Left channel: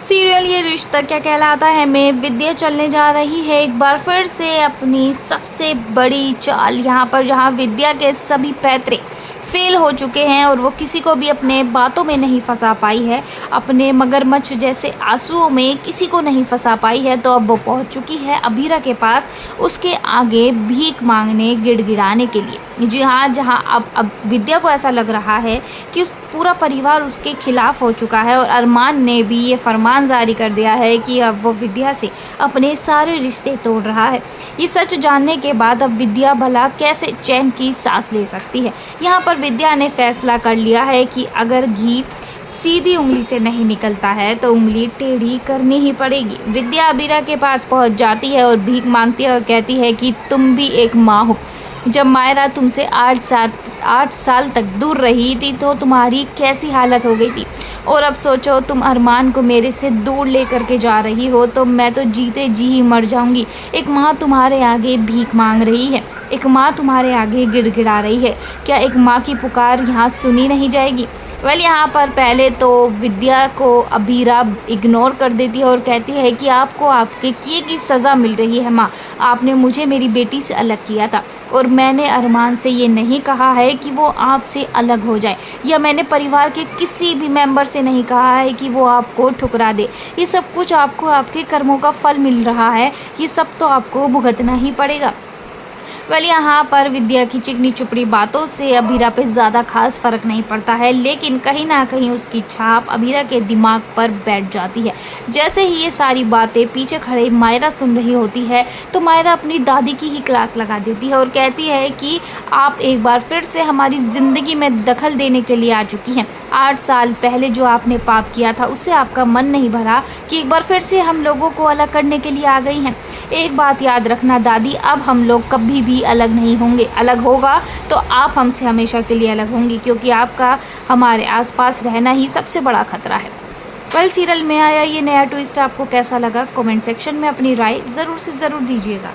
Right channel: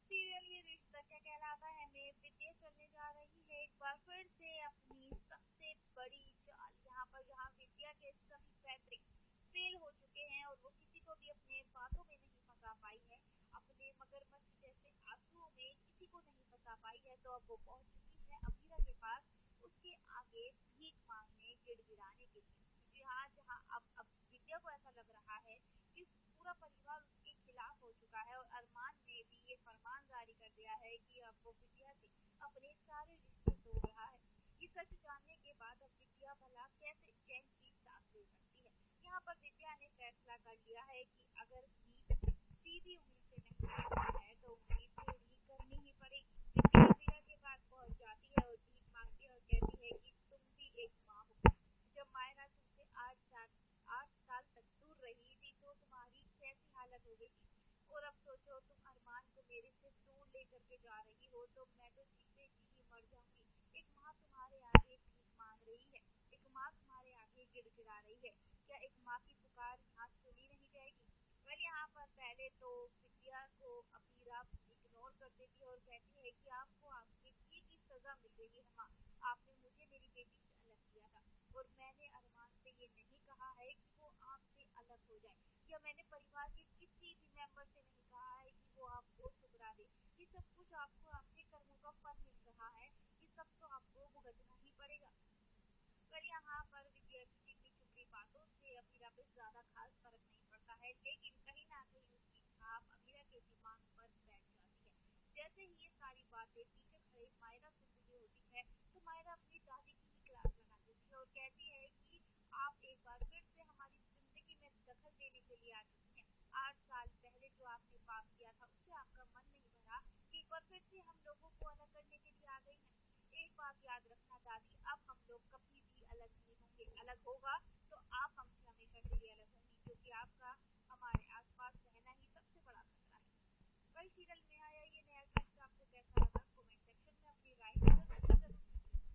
Serial ये रिश्ता क्या कहलाता है में विद्या चलने जा रही है एक बार फिर से अपनी सबसे बड़ी चाल यहाँ पर, जहाँ विद्या के सभी पैतरे फेल हो चुके हैं और वो किसी को भी अपने बातों में नहीं फंसा पाई है, अपने मगरमच्छ जैसे आंसुओं में किसी को नहीं फंसा पाई है। तो अब वो पहुंच चुकी है अभीरा के पास, उसके आगे भीख मांगने, गिड़गिड़ाने के लिए। जी हाँ, जहाँ अब विद्या को ऐसा लग रहा है कि उस पूरा परिवार उसके खिलाफ हो चुका है और अरमान ने भी ये फरमान जारी कर दिया है कि अब वो विद्या से अपने सारे रिश्ते तोड़ रहा है। ये सच जानने के बाद अब विद्या भला कैसे चैन की सांस ले सकती है। यहाँ पर विद्या ने फैसला कर लिया है कि अगर घी सीधी उंगली से नहीं निकलता है तो उंगली टेढ़ी करनी ही पड़ेगी। विद्या अबीरा के पास पहुंच जाती है और भीख मांगती है और कहती है कि तुम भी एक माँ हो। जब मायरा तुमसे 8 साल तक दूर रही थी तो तुम्हारी कैसी हालत हो गई थी, और अब सोचो तुम अरमान को मेरे से दूर लेकर के जा रही हो तो मैं तो जीते जी ही मर जाऊंगी। एक माँ तुम्हारे आगे भीख मांग रही है, एक माँ तुम्हारे आगे गिड़गिड़ा रही है, क्या एक माँ की पुकार यहाँ सुनी नहीं जाएगी? यहाँ पर पहले तो विद्या को अबीरा इग्नोर कर देती है और कहती है कि आपको आपके किए की सज़ा मिल रही है माँ। आपने मुझे मेरी बेटी से अलग किया था और मैंने अरमान से ये नहीं कहा है कि वो आपसे अलग हो जाए, या मैंने परिवार के किसी भी मेंबर से नहीं कहा है कि वो आपको ठुकरा दे। ये सब कुछ आपको आपके कर्मों का फल मिल रहा है, ये सब तो आपको भुगतना ही पड़ेगा। यहाँ पर विद्या की चिकनी चुपड़ी बातों से अबीरा पे ज़्यादा खास फर्क नहीं पड़ता है, लेकिन कहीं ना कहीं उसकी छाप अबीरा के दिमाग पर बैठ जाती है। जैसे ही ये सारी बातें पीछे खड़े मायरा सुन रही होती है तो मायरा अपनी दादी की ही क्लास लगा देती है और कहती है कि आप एक बार फिर से हमारी ज़िंदगी में दखल देने के लिए आ चुकी हैं। 8 साल पहले जो आपने पाप किया था उससे आपका मन नहीं भरा कि एक बार फिर से हम लोगों को अलग करने के लिए आ गई हैं। एक बात याद रखना दादी, अब हम लोग कभी भी अलग नहीं होंगे। अलग होगा तो आप हमसे हमेशा के लिए अलग होंगी, क्योंकि आपका हमारे आसपास रहना ही सबसे बड़ा खतरा है। सीरियल में आया ये नया ट्विस्ट आपको कैसा लगा? कमेंट सेक्शन में अपनी राय ज़रूर से ज़रूर दीजिएगा।